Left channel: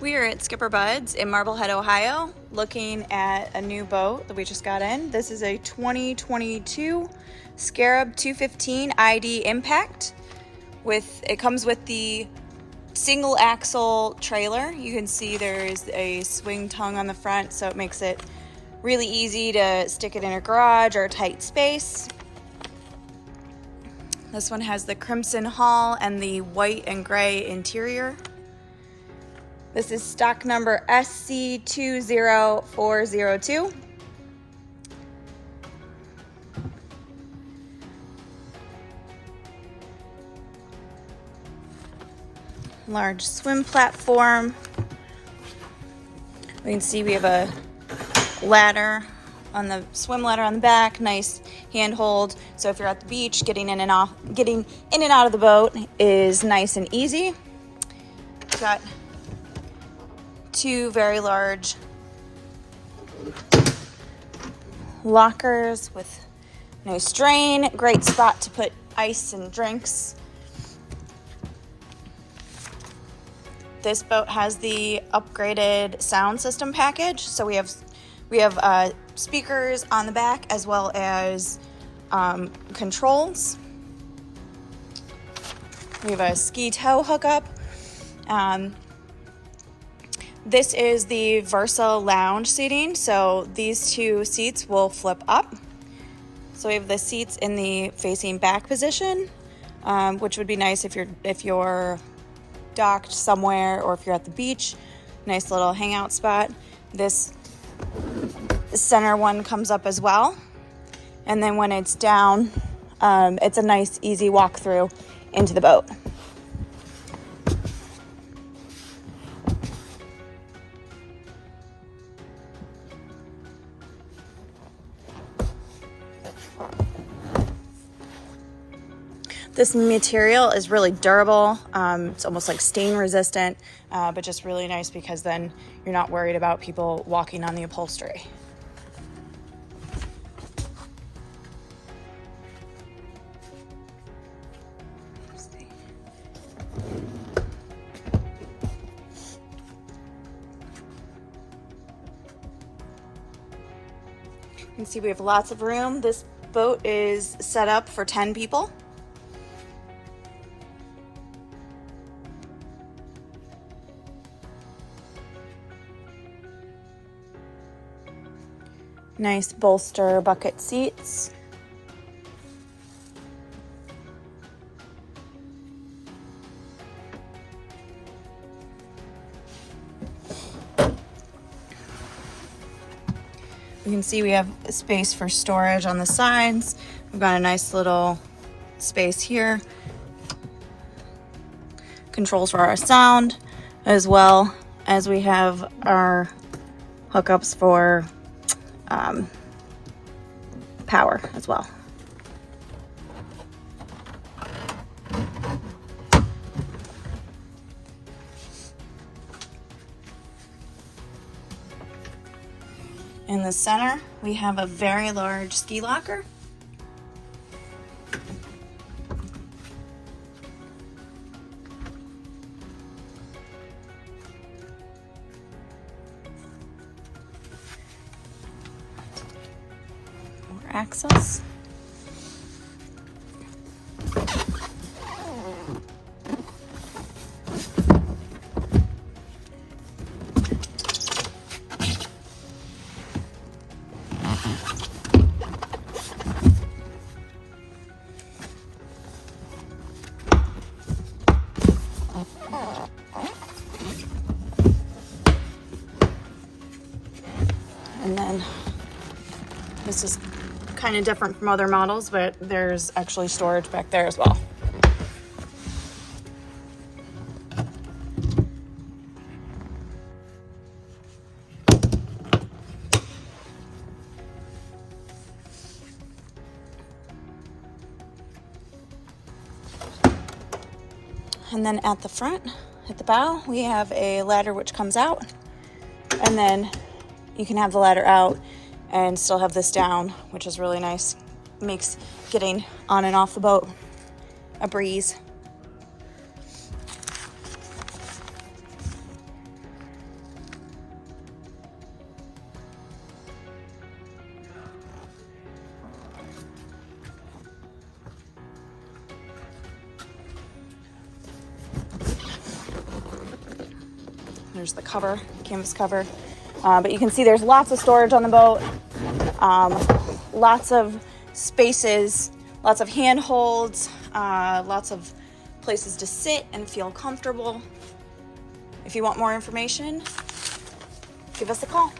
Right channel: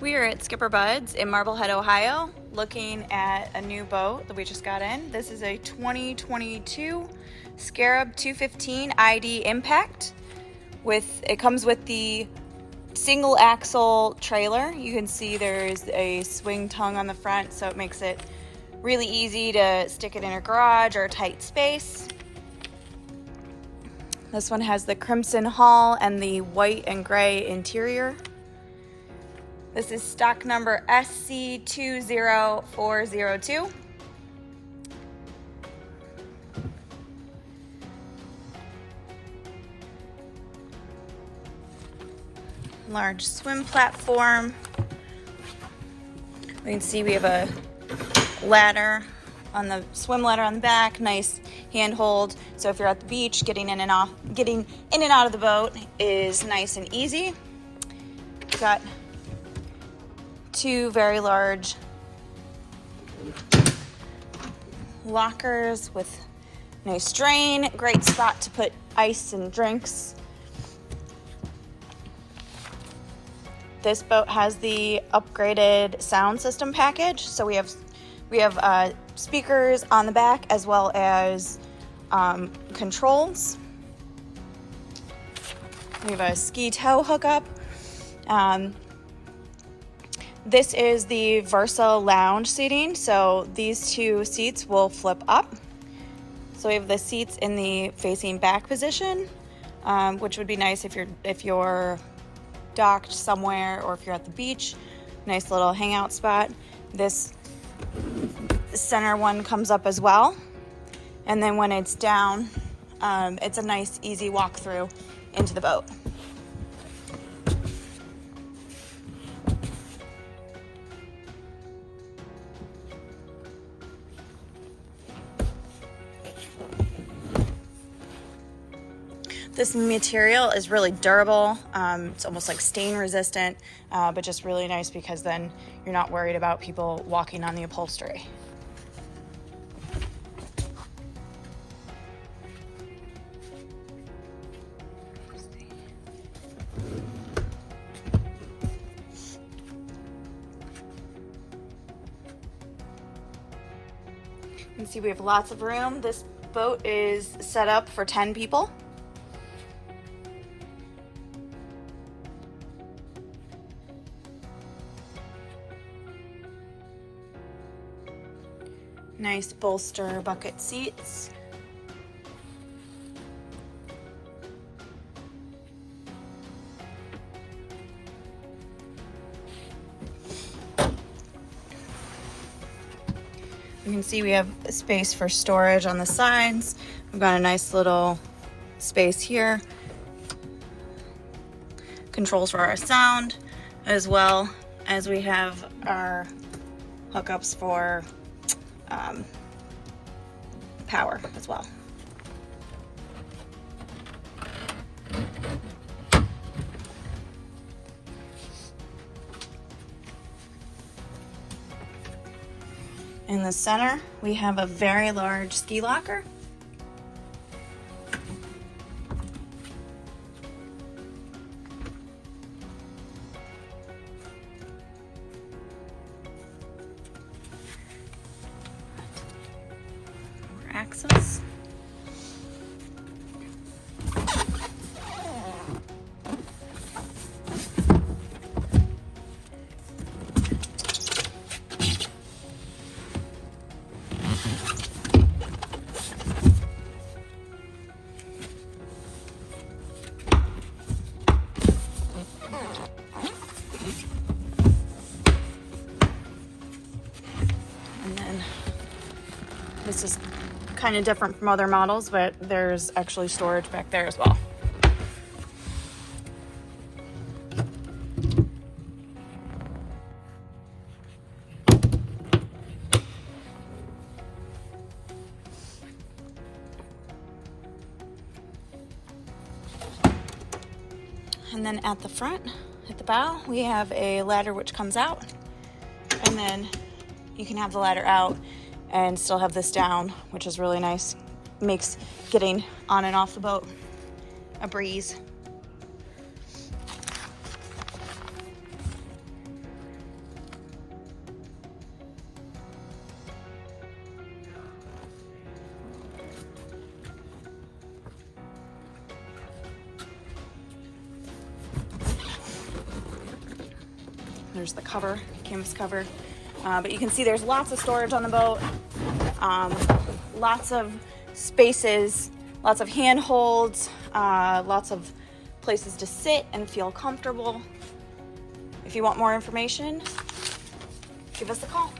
We are at SkipperBud's in Marblehead, Ohio, looking at a new boat that we just got in. This is a 2022 Scarab 215 ID Impact. It comes with the single axle trailer. You can see there's a swing tongue on the front, so it makes it really easy to stick it in a garage or a tight space. This one has the crimson hull and the white and gray interior. This is stock number SC20402. Large swim platform. We can see we have a ladder on the swim ladder on the back, nice handhold. So if you're at the beach, getting in and out of the boat is nice and easy. Got two very large lockers with nice drain, great spot to put ice and drinks. This boat has the upgraded sound system package, so we have speakers on the back as well as controls. We have a ski tow hookup. This is the Versa lounge seating, so these two seats will flip up. So we have the seats in the facing back position, which would be nice if you're docked somewhere or if you're at the beach. Nice little hangout spot. This center one comes up as well, and then when it's down, it's a nice easy walk through into the boat. This material is really durable. It's almost like stain resistant, but just really nice because then you're not worried about people walking on the upholstery. You can see we have lots of room. This boat is set up for 10 people. Nice bolster bucket seats. You can see we have space for storage on the sides. We've got a nice little space here. Controls for our sound, as well as we have our hookups for power as well. In the center, we have a very large ski locker. Access. And then this is kind of different from other models, but there's actually storage back there as well. And then at the front, at the bow, we have a ladder which comes out, and then you can have the ladder out and still have this down, which is really nice. Makes getting on and off the boat a breeze. There's the cover, canvas cover. But you can see there's lots of storage on the boat, lots of spaces, lots of handholds, lots of places to sit and feel comfortable. If you want more information, give us a call.